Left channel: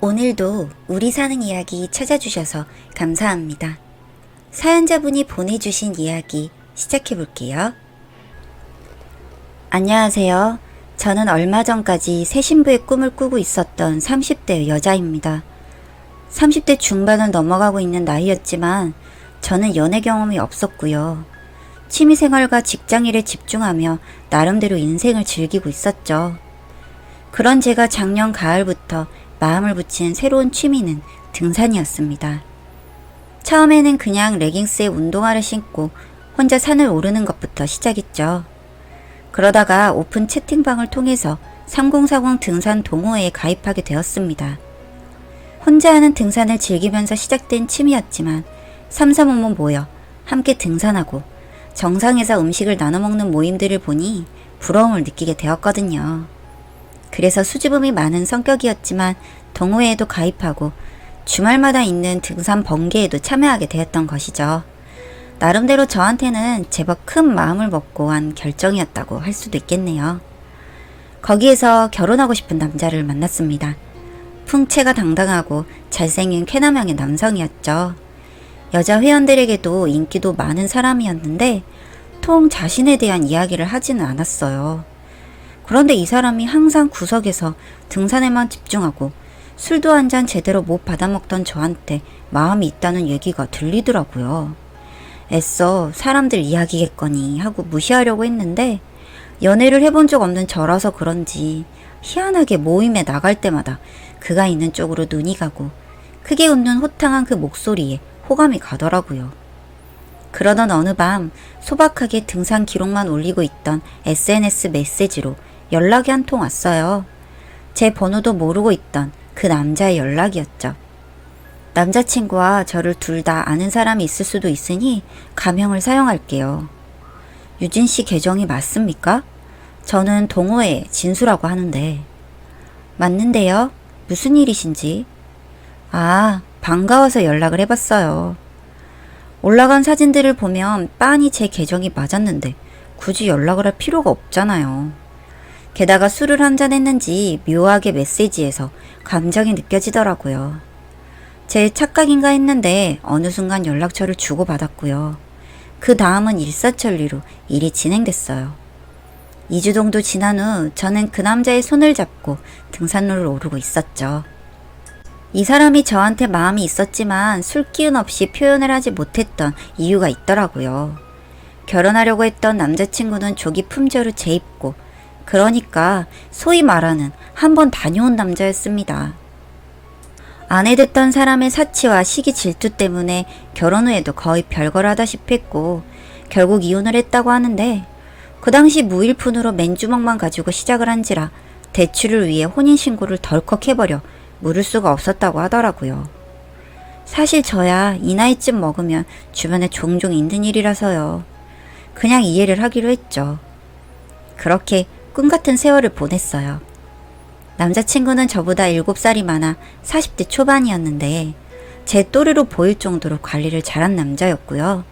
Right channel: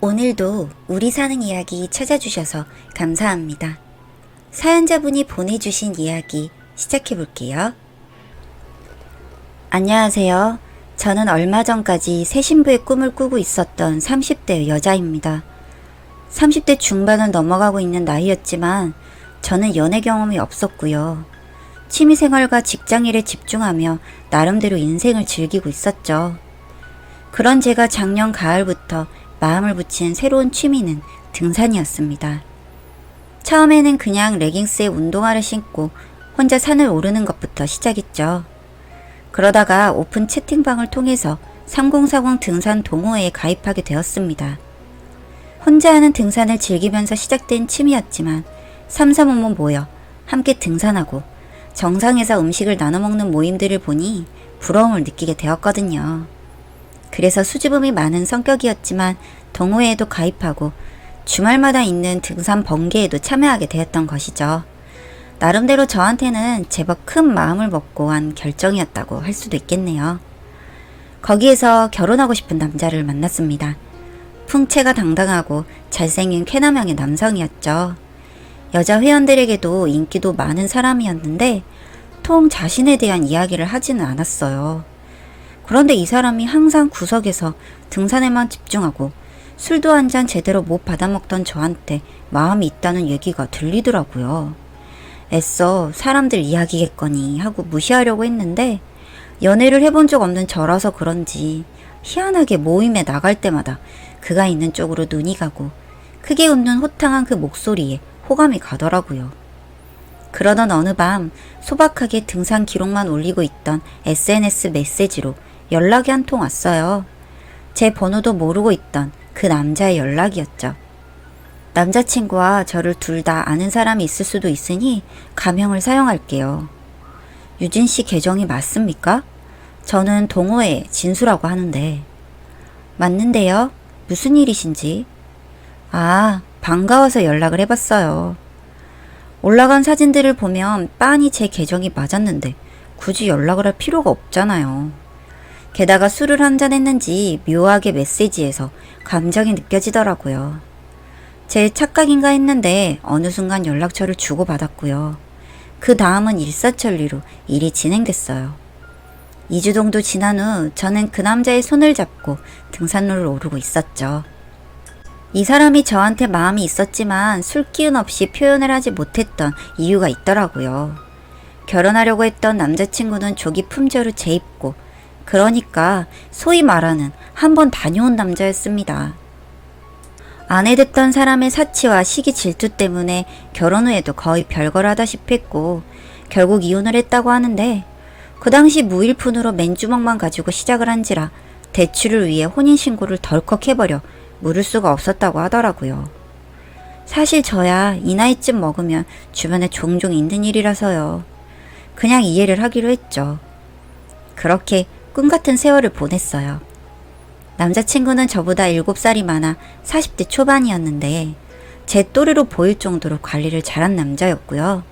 오늘도 우리 사는 이야기 찾아주셔서 감사합니다. 사연자분이 보내주신 이야기 시작해볼게요. 안녕하세요. 저는 얼마 전까지 새 신부의 꿈을 꾸고 있었던 30대 여자입니다. 30대 중반을 넘어가고 있는 나이였지만 저는 연애 경험이 없었고요. 취미생활과 직장일에 집중하며 나름대로 인생을 즐기고 있었죠. 그런 제가 작년 가을부터 마음을 붙인 새로운 취미는 등산이었습니다. 처음에는 그냥 레깅스에 운동화를 신고 혼자 산을 오르는 것부터 시작했죠. 그러다가 오픈 채팅방을 통해서 3040 등산 동호회에 가입하게 되었습니다. 혼자 하는 등산을 즐기면서 시작된 취미였지만 삼삼오오 모여 함께 등산하고 정상에서 음식을 나눠 먹는 모임들을 보니 부러움을 느끼게 되었거든요. 그래서 수줍음이 많은 성격이었지만 동호회에도 가입하고 주말마다 있는 등산 번개에도 참여하게 되었던 것이죠. 나름대로 저한테는 제법 큰 마음을 먹고 한 결정이었다고 할 수도 있겠네요. 거기에서 결혼하고 싶은 남자를 만났습니다. 풍채가 당당하고 잘생긴 쾌남형의 남성이었죠. 여자 회원들에게도 인기도 많은 사람이었는데 통 자신에 대한 이야기를 하지는 않았어요. 그런데 이 사람이 항상 구석에서 등산에만 집중하고 술도 한 잔 제대로 못 받아먹던 저한테 마음이 있다는 얘기가 들리더라고요. 애써 사람들 이야기겠거니 하고 무시하려고 했는데 연애를 해본 적 없는 저라서 그런지 희한하게 모임에 나갈 때마다 그가 있는 쪽으로 눈이 가고 크게 웃는 호탕한 그 목소리에 호감이 가더라고요. 그러던 어느 밤 소박하게 등산 기록만 올리고 있던 SNS 메시지로 연락이 한 통 왔어요. 제 번호도 모르고 있던 그 남자의 연락이었죠. 남자친구와 저를 둘 다 아는 사람이 있을 수도 있으니 가명을 사용할게요. 유진씨 계정이 맞습니까? 저는 동호회 진수라고 하는데. 맞는데요? 무슨 일이신지? 아, 반가워서 연락을 해봤어요. 올라간 사진들을 보면 빤히 제 계정이 맞았는데 굳이 연락을 할 필요가 없잖아요. 게다가 술을 한잔 했는지 묘하게 메시지에서 감정이 느껴지더라고요. 제 착각인가 했는데 어느 순간 연락처를 주고받았고요. 그 다음은 일사천리로 일이 진행됐어요. 2주 정도 지난 후 저는 그 남자의 손을 잡고 등산로를 오르고 있었죠. 이 사람이 저한테 마음이 있었지만 술기운 없이 표현을 하지 못했던 이유가 있더라고요. 결혼하려고 했던 남자친구는 조기 품절을 재입고 그러니까 소위 말하는 한번 다녀온 남자였습니다. 아내 됐던 사람의 사치와 시기 질투 때문에 결혼 후에도 거의 별걸 하다시피 했고 결국 이혼을 했다고 하는데 그 당시 무일푼으로 맨주먹만 가지고 시작을 한지라 대출을 위해 혼인신고를 덜컥 해버려 물을 수가 없었다고 하더라고요. 사실 저야 이 나이쯤 먹으면 주변에 종종 있는 일이라서요. 그냥 이해를 하기로 했죠. 그렇게 꿈같은 세월을 보냈어요. 남자친구는 저보다 7살이 많아 40대 초반이었는데 제 또래로 보일 정도로 관리를 잘한 남자였고요.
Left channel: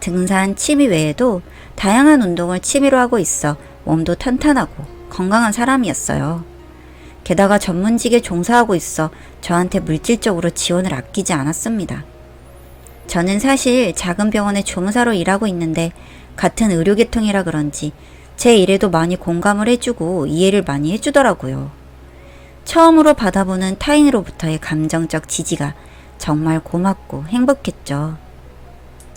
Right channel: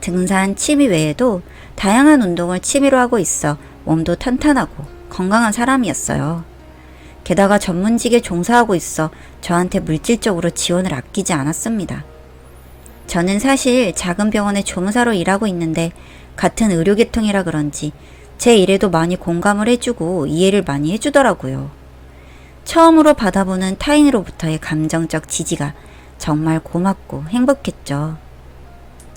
등산, 취미 외에도 다양한 운동을 취미로 하고 있어 몸도 탄탄하고 건강한 사람이었어요. 게다가 전문직에 종사하고 있어 저한테 물질적으로 지원을 아끼지 않았습니다. 저는 사실 작은 병원에 조무사로 일하고 있는데 같은 의료계통이라 그런지 제 일에도 많이 공감을 해주고 이해를 많이 해주더라고요. 처음으로 받아보는 타인으로부터의 감정적 지지가 정말 고맙고 행복했죠.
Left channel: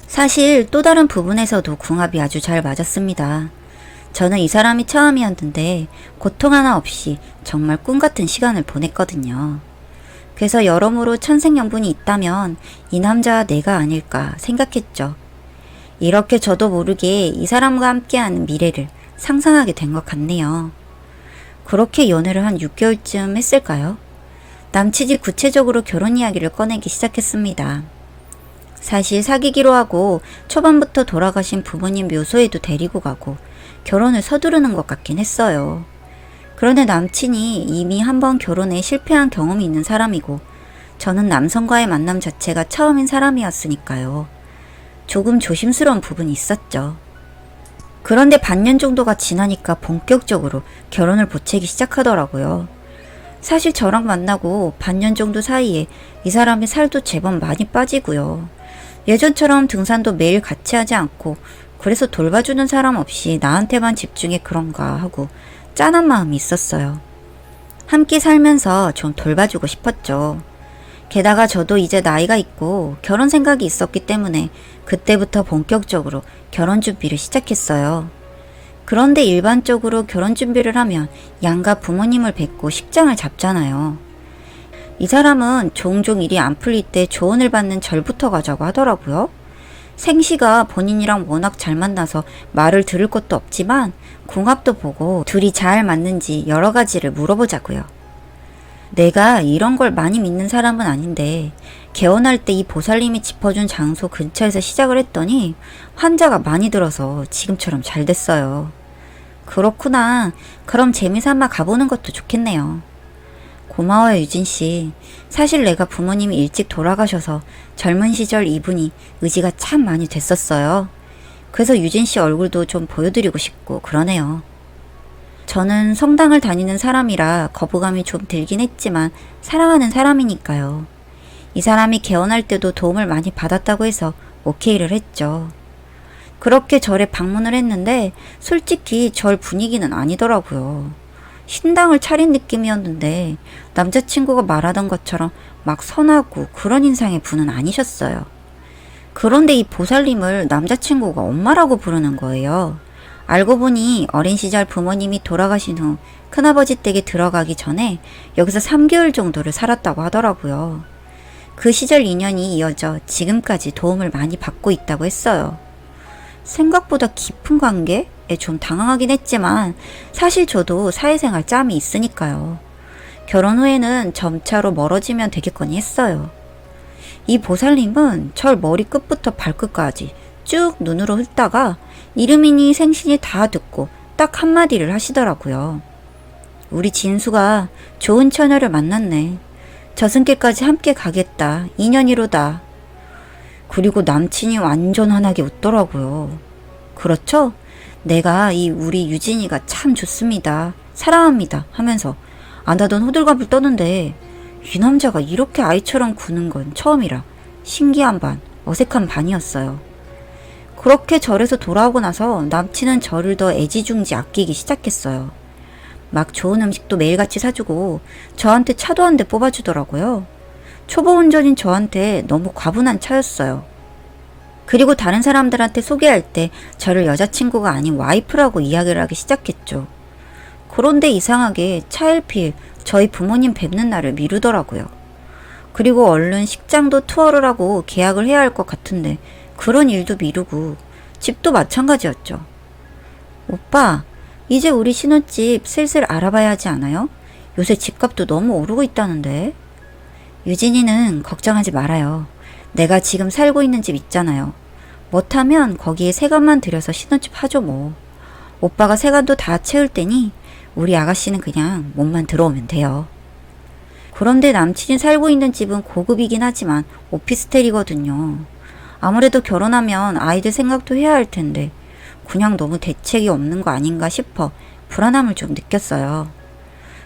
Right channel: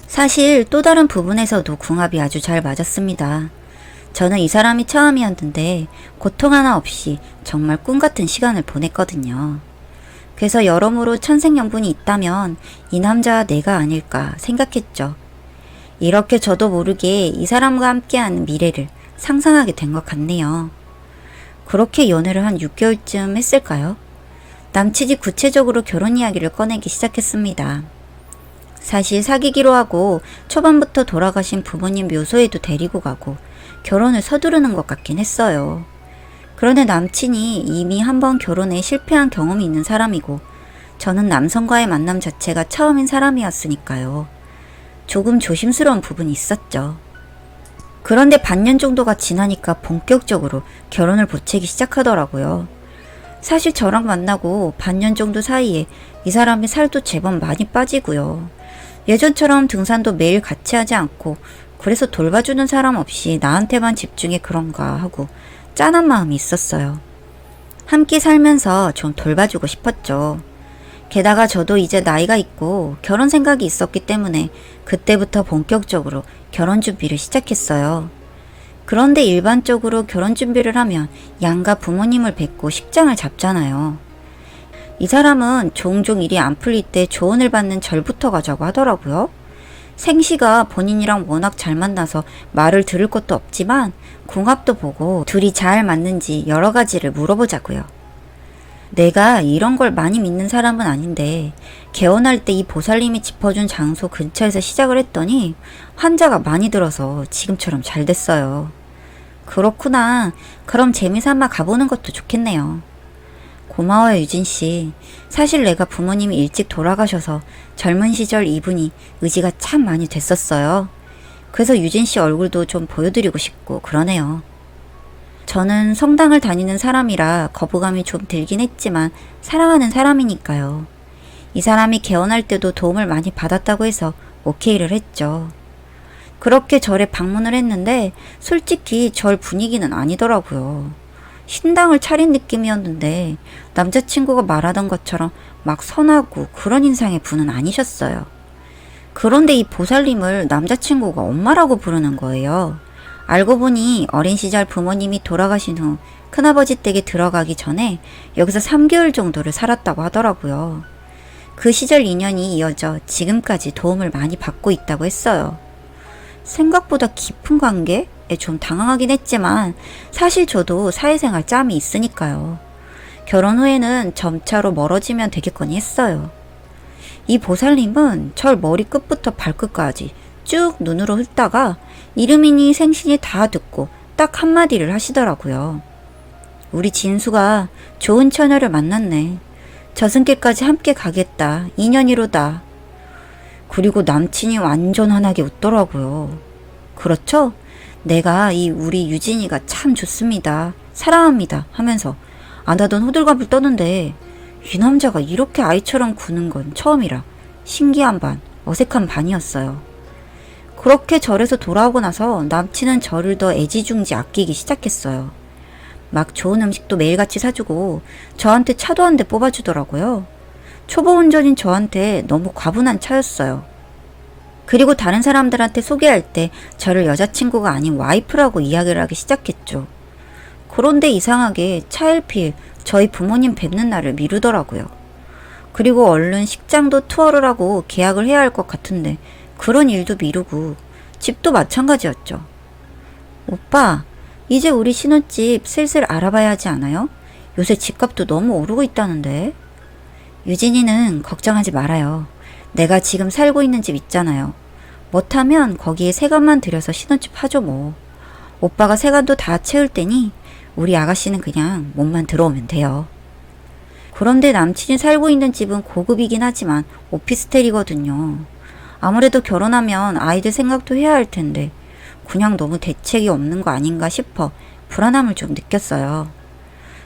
사실 또 다른 부분에서도 궁합이 아주 잘 맞았습니다. 저는 이 사람이 처음이었는데 고통 하나 없이 정말 꿈같은 시간을 보냈거든요. 그래서 여러모로 천생연분이 있다면 이 남자와 내가 아닐까 생각했죠. 이렇게 저도 모르게 이 사람과 함께하는 미래를 상상하게 된 것 같네요. 그렇게 연애를 한 6개월쯤 했을까요? 남친이 구체적으로 결혼 이야기를 꺼내기 시작했습니다. 사실 사귀기로 하고 초반부터 돌아가신 부모님 묘소에도 데리고 가고 결혼을 서두르는 것 같긴 했어요. 그런데 남친이 이미 한 번 결혼에 실패한 경험이 있는 사람이고 저는 남성과의 만남 자체가 처음인 사람이었으니까요. 조금 조심스러운 부분이 있었죠. 그런데 반년 정도가 지나니까 본격적으로 결혼을 보채기 시작하더라고요. 사실 저랑 만나고 반년 정도 사이에 이 사람의 살도 제법 많이 빠지고요. 예전처럼 등산도 매일 같이 하지 않고 그래서 돌봐주는 사람 없이 나한테만 집중해 그런가 하고 짠한 마음이 있었어요. 함께 살면서 좀 돌봐주고 싶었죠. 게다가 저도 이제 나이가 있고 결혼 생각이 있었기 때문에 그때부터 본격적으로 결혼 준비를 시작했어요. 그런데 일반적으로 결혼 준비를 하면 양가 부모님을 뵙고 식장을 잡잖아요. 이 사람은 종종 일이 안 풀릴 때 조언을 받는 절부터 가자고 하더라고요. 생시가 본인이랑 워낙 잘 만나서 말을 들을 것도 없지만 궁합도 보고 둘이 잘 맞는지 여러 가지를 물어보자고요. 내가 이런 걸 많이 믿는 사람은 아닌데 개원할 때 이 보살님이 짚어준 장소 근처에서 시작을 했더니 환자가 많이 들어서 지금처럼 잘 됐어요. 그렇구나. 그럼 재미삼아 가보는 것도 좋겠네요. 고마워요, 유진씨. 사실 내가 부모님이 일찍 돌아가셔서 젊은 시절 이분이 의지가 참 많이 됐었어요. 그래서 유진씨 얼굴도 좀 보여드리고 싶고 그러네요. 저는 성당을 다니는 사람이라 거부감이 좀 들긴 했지만 사랑하는 사람이니까요. 이 사람이 개원할 때도 도움을 많이 받았다고 해서 오케이를 했죠. 그렇게 절에 방문을 했는데 솔직히 절 분위기는 아니더라고요. 신당을 차린 느낌이었는데 남자친구가 말하던 것처럼 막 선하고 그런 인상의 분은 아니셨어요. 그런데 이 보살님을 남자친구가 엄마라고 부르는 거예요. 알고 보니 어린 시절 부모님이 돌아가신 후 큰아버지 댁에 들어가기 전에 여기서 3개월 정도를 살았다고 하더라고요. 그 시절 인연이 이어져 지금까지 도움을 많이 받고 있다고 했어요. 생각보다 깊은 관계에 좀 당황하긴 했지만 사실 저도 사회생활 짬이 있으니까요. 결혼 후에는 점차로 멀어지면 되겠거니 했어요. 이 보살님은 절 머리끝부터 발끝까지 쭉 눈으로 훑다가 이름이니 생신이 다 듣고 딱 한마디를 하시더라고요. 우리 진수가 좋은 처녀를 만났네. 저승길까지 함께 가겠다. 인연이로다. 그리고 남친이 완전 환하게 웃더라고요. 그렇죠? 내가 이 우리 유진이가 참 좋습니다. 사랑합니다. 하면서 안 하던 호들갑을 떠는데 이 남자가 이렇게 아이처럼 구는 건 처음이라 신기한 반, 어색한 반이었어요. 그렇게 절에서 돌아오고 나서 남친은 저를 더 애지중지 아끼기 시작했어요. 막 좋은 음식도 매일같이 사주고 저한테 차도 한 대 뽑아주더라고요. 초보 운전인 저한테 너무 과분한 차였어요. 그리고 다른 사람들한테 소개할 때 저를 여자친구가 아닌 와이프라고 이야기를 하기 시작했죠. 그런데 이상하게 차일피일 저희 부모님 뵙는 날을 미루더라고요. 그리고 얼른 식장도 투어를 하고 계약을 해야 할 것 같은데 그런 일도 미루고 집도 마찬가지였죠. 오빠, 이제 우리 신혼집 슬슬 알아봐야 하지 않아요? 요새 집값도 너무 오르고 있다는데. 유진이는 걱정하지 말아요. 내가 지금 살고 있는 집 있잖아요. 못하면 거기에 세간만 들여서 신혼집 하죠 뭐. 오빠가 세간도 다 채울 테니 우리 아가씨는 그냥 몸만 들어오면 돼요. 그런데 남친이 살고 있는 집은 고급이긴 하지만 오피스텔이거든요. 아무래도 결혼하면 아이들 생각도 해야 할 텐데 그냥 너무 대책이 없는 거 아닌가 싶어 불안함을 좀 느꼈어요.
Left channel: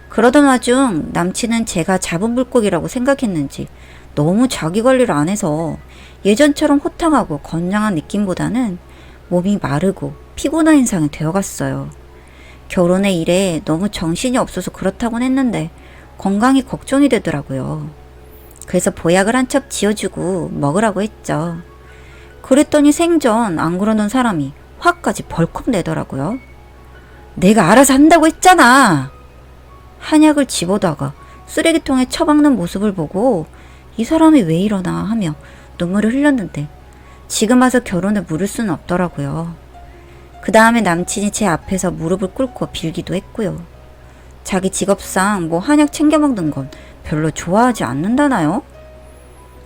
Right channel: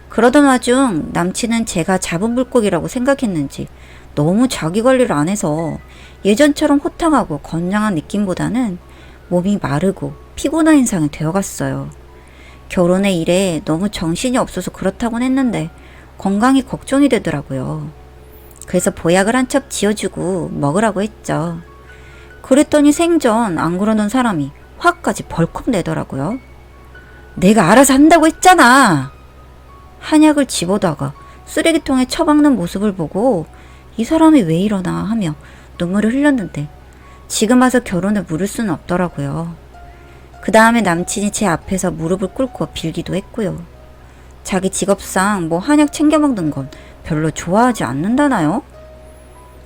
그러던 와중 남친은 제가 잡은 물고기라고 생각했는지 너무 자기 관리를 안 해서 예전처럼 호탕하고 건장한 느낌보다는 몸이 마르고 피곤한 인상이 되어갔어요. 결혼의 일에 너무 정신이 없어서 그렇다곤 했는데 건강이 걱정이 되더라고요. 그래서 보약을 한 첩 지어주고 먹으라고 했죠. 그랬더니 생전 안 그러던 사람이 화까지 벌컥 내더라고요. 내가 알아서 한다고 했잖아. 한약을 집어다가 쓰레기통에 처박는 모습을 보고 이 사람이 왜 이러나 하며 눈물을 흘렸는데 지금 와서 결혼을 물을 수는 없더라고요. 그 다음에 남친이 제 앞에서 무릎을 꿇고 빌기도 했고요. 자기 직업상 뭐 한약 챙겨 먹는 건 별로 좋아하지 않는다나요?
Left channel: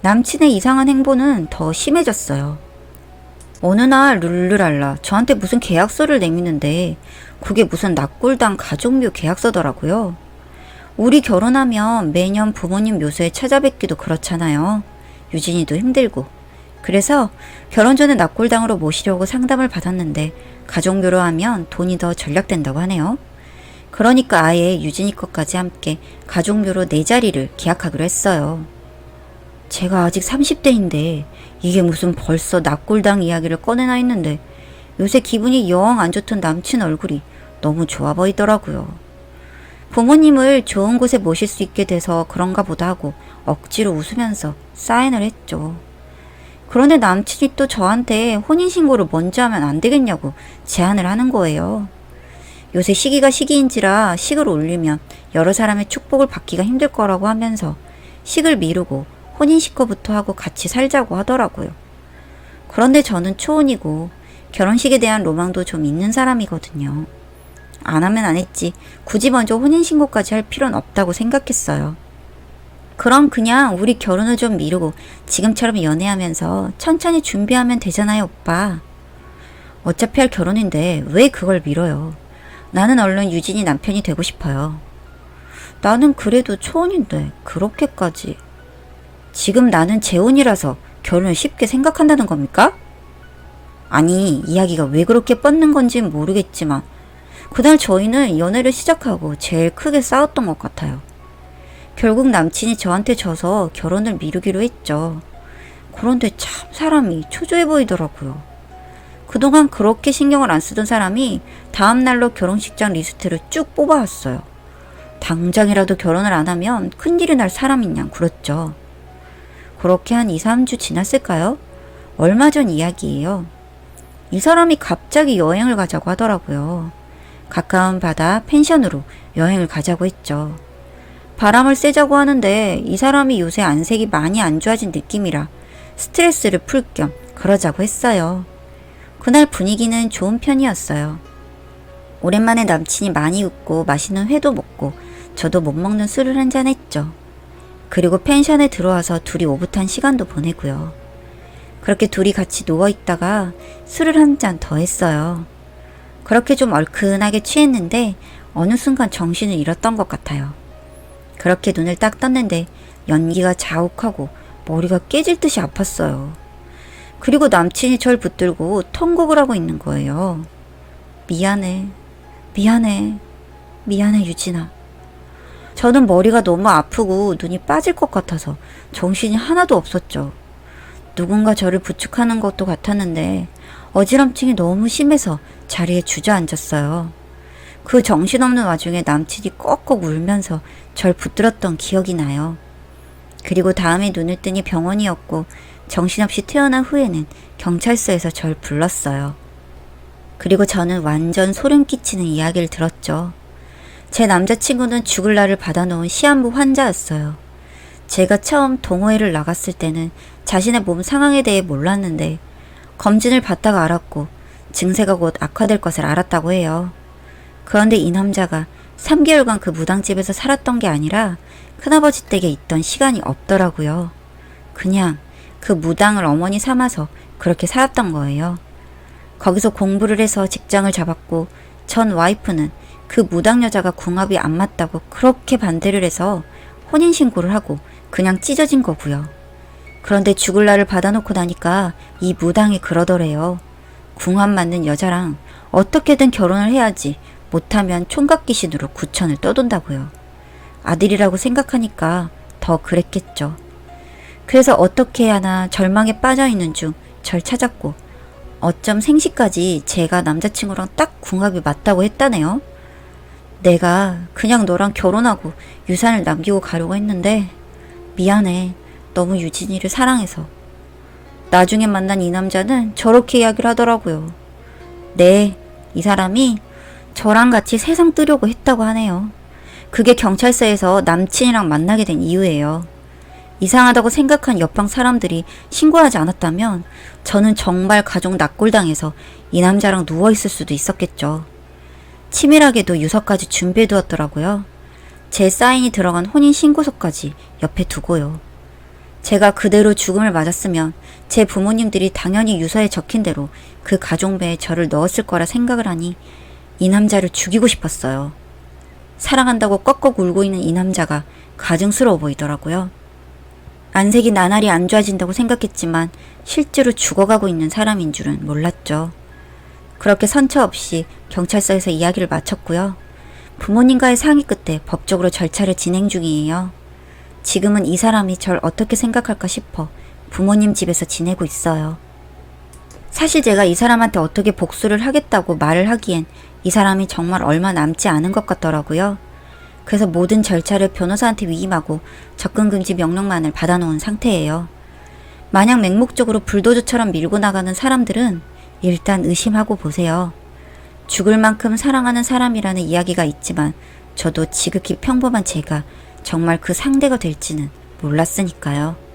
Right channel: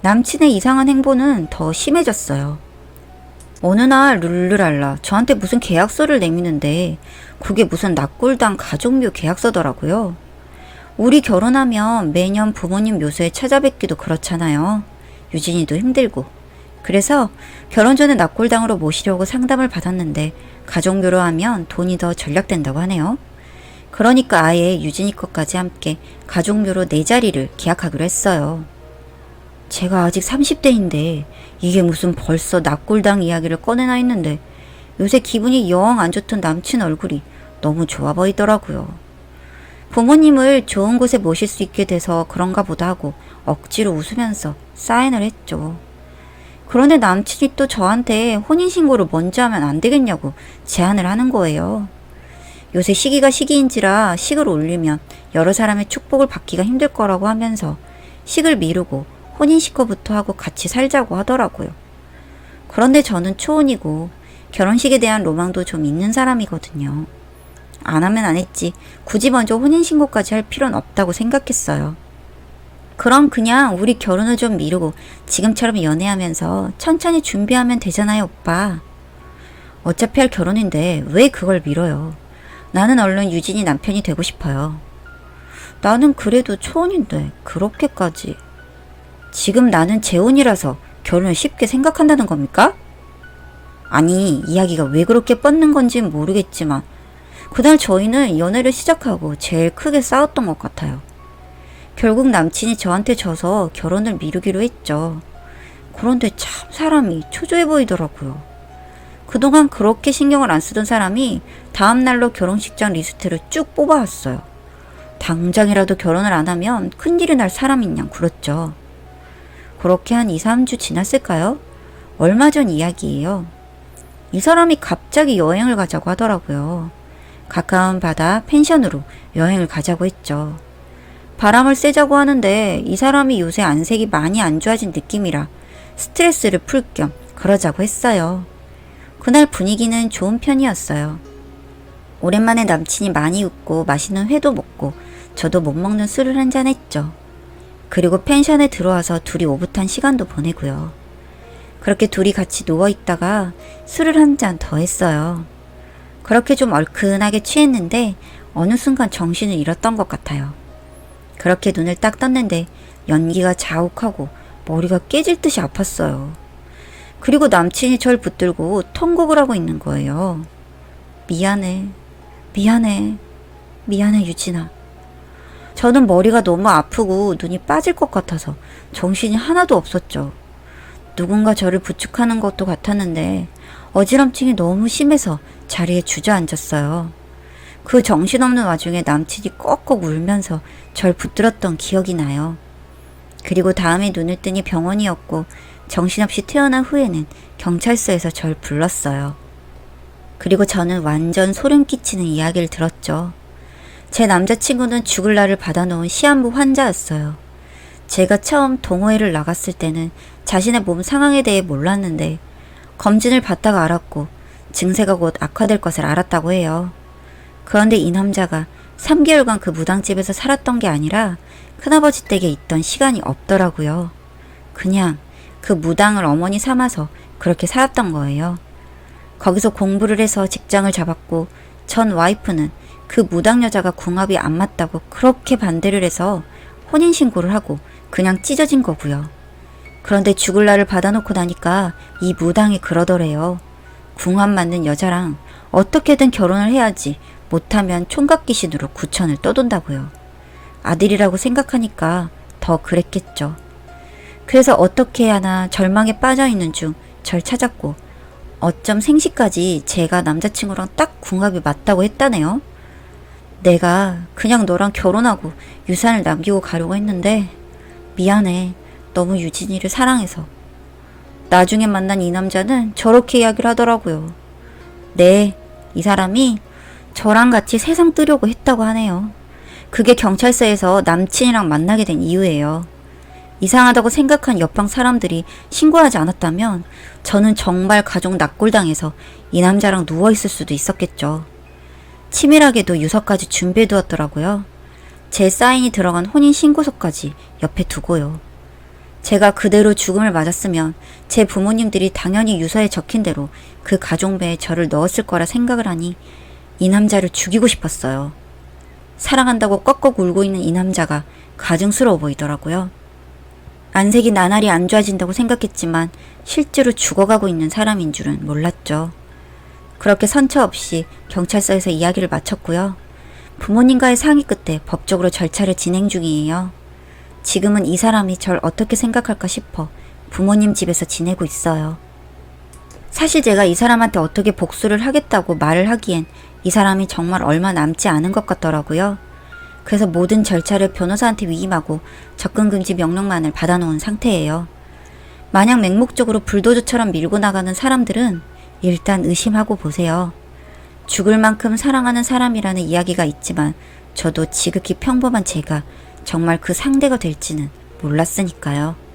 남친의 이상한 행보는 더 심해졌어요. 어느 날 룰루랄라 저한테 무슨 계약서를 내미는데 그게 무슨 납골당 가족묘 계약서더라고요. 우리 결혼하면 매년 부모님 묘소에 찾아뵙기도 그렇잖아요. 유진이도 힘들고. 그래서 결혼 전에 납골당으로 모시려고 상담을 받았는데 가족묘로 하면 돈이 더 절약된다고 하네요. 그러니까 아예 유진이 것까지 함께 가족묘로 내 자리를 계약하기로 했어요. 제가 아직 30대인데 이게 무슨 벌써 납골당 이야기를 꺼내나 했는데 요새 기분이 영 안 좋던 남친 얼굴이 너무 좋아 보이더라고요. 부모님을 좋은 곳에 모실 수 있게 돼서 그런가 보다 하고 억지로 웃으면서 사인을 했죠. 그런데 남친이 또 저한테 혼인신고를 먼저 하면 안 되겠냐고 제안을 하는 거예요. 요새 시기가 시기인지라 식을 올리면 여러 사람의 축복을 받기가 힘들 거라고 하면서 식을 미루고 혼인신고부터 하고 같이 살자고 하더라고요. 그런데 저는 초혼이고 결혼식에 대한 로망도 좀 있는 사람이거든요. 안 하면 안 했지 굳이 먼저 혼인신고까지 할 필요는 없다고 생각했어요. 그럼 그냥 우리 결혼을 좀 미루고 지금처럼 연애하면서 천천히 준비하면 되잖아요, 오빠. 어차피 할 결혼인데 왜 그걸 미뤄요? 나는 얼른 유진이 남편이 되고 싶어요. 나는 그래도 초혼인데 그렇게까지. 지금 나는 재혼이라서 결혼을 쉽게 생각한다는 겁니까? 아니, 이야기가 왜 그렇게 뻗는 건진 모르겠지만 그날 저희는 연애를 시작하고 제일 크게 싸웠던 것 같아요. 결국 남친이 저한테 져서 결혼을 미루기로 했죠. 그런데 참 사람이 초조해 보이더라고요. 그동안 그렇게 신경을 안 쓰던 사람이 다음날로 결혼식장 리스트를 쭉 뽑아왔어요. 당장이라도 결혼을 안 하면 큰일이 날 사람인 양 굴었죠. 그렇게 한 2, 3주 지났을까요? 얼마 전 이야기예요. 이 사람이 갑자기 여행을 가자고 하더라고요. 가까운 바다 펜션으로 여행을 가자고 했죠. 바람을 쐬자고 하는데 이 사람이 요새 안색이 많이 안 좋아진 느낌이라 스트레스를 풀 겸 그러자고 했어요. 그날 분위기는 좋은 편이었어요. 오랜만에 남친이 많이 웃고 맛있는 회도 먹고 저도 못 먹는 술을 한잔 했죠. 그리고 펜션에 들어와서 둘이 오붓한 시간도 보내고요. 그렇게 둘이 같이 누워있다가 술을 한 잔 더 했어요. 그렇게 좀 얼큰하게 취했는데 어느 순간 정신을 잃었던 것 같아요. 그렇게 눈을 딱 떴는데 연기가 자욱하고 머리가 깨질 듯이 아팠어요. 그리고 남친이 절 붙들고 통곡을 하고 있는 거예요. 미안해, 미안해, 미안해 유진아. 저는 머리가 너무 아프고 눈이 빠질 것 같아서 정신이 하나도 없었죠. 누군가 저를 부축하는 것도 같았는데 어지럼증이 너무 심해서 자리에 주저앉았어요. 그 정신없는 와중에 남친이 꺽꺽 울면서 절 붙들었던 기억이 나요. 그리고 다음에 눈을 뜨니 병원이었고 정신없이 태어난 후에는 경찰서에서 절 불렀어요. 그리고 저는 완전 소름 끼치는 이야기를 들었죠. 제 남자친구는 죽을 날을 받아놓은 시한부 환자였어요. 제가 처음 동호회를 나갔을 때는 자신의 몸 상황에 대해 몰랐는데 검진을 받다가 알았고 증세가 곧 악화될 것을 알았다고 해요. 그런데 이 남자가 3개월간 그 무당집에서 살았던 게 아니라 큰아버지 댁에 있던 시간이 없더라고요. 그냥 그 무당을 어머니 삼아서 그렇게 살았던 거예요. 거기서 공부를 해서 직장을 잡았고 전 와이프는 그 무당 여자가 궁합이 안 맞다고 그렇게 반대를 해서 혼인신고를 하고 그냥 찢어진 거고요. 그런데 죽을 날을 받아놓고 나니까 이 무당이 그러더래요. 궁합 맞는 여자랑 어떻게든 결혼을 해야지 못하면 총각 귀신으로 구천을 떠돈다고요. 아들이라고 생각하니까 더 그랬겠죠. 그래서 어떻게 해야 하나 절망에 빠져있는 중 절 찾았고 어쩜 생시까지 제가 남자친구랑 딱 궁합이 맞다고 했다네요. 내가 그냥 너랑 결혼하고 유산을 남기고 가려고 했는데 미안해. 너무 유진이를 사랑해서. 나중에 만난 이 남자는 저렇게 이야기를 하더라고요. 네, 이 사람이 저랑 같이 세상 뜨려고 했다고 하네요. 그게 경찰서에서 남친이랑 만나게 된 이유예요. 이상하다고 생각한 옆방 사람들이 신고하지 않았다면 저는 정말 가족 납골당해서 이 남자랑 누워있을 수도 있었겠죠. 치밀하게도 유서까지 준비해두었더라고요. 제 사인이 들어간 혼인신고서까지 옆에 두고요. 제가 그대로 죽음을 맞았으면 제 부모님들이 당연히 유서에 적힌 대로 그 가족배에 저를 넣었을 거라 생각을 하니 이 남자를 죽이고 싶었어요. 사랑한다고 꺽꺽 울고 있는 이 남자가 가증스러워 보이더라고요. 안색이 나날이 안 좋아진다고 생각했지만 실제로 죽어가고 있는 사람인 줄은 몰랐죠. 그렇게 선처 없이 경찰서에서 이야기를 마쳤고요. 부모님과의 상의 끝에 법적으로 절차를 진행 중이에요. 지금은 이 사람이 절 어떻게 생각할까 싶어 부모님 집에서 지내고 있어요. 사실 제가 이 사람한테 어떻게 복수를 하겠다고 말을 하기엔 이 사람이 정말 얼마 남지 않은 것 같더라고요. 그래서 모든 절차를 변호사한테 위임하고 접근금지 명령만을 받아놓은 상태예요. 만약 맹목적으로 불도저처럼 밀고 나가는 사람들은 일단 의심하고 보세요. 죽을 만큼 사랑하는 사람이라는 이야기가 있지만 저도 지극히 평범한 제가 정말 그 상대가 될지는 몰랐으니까요.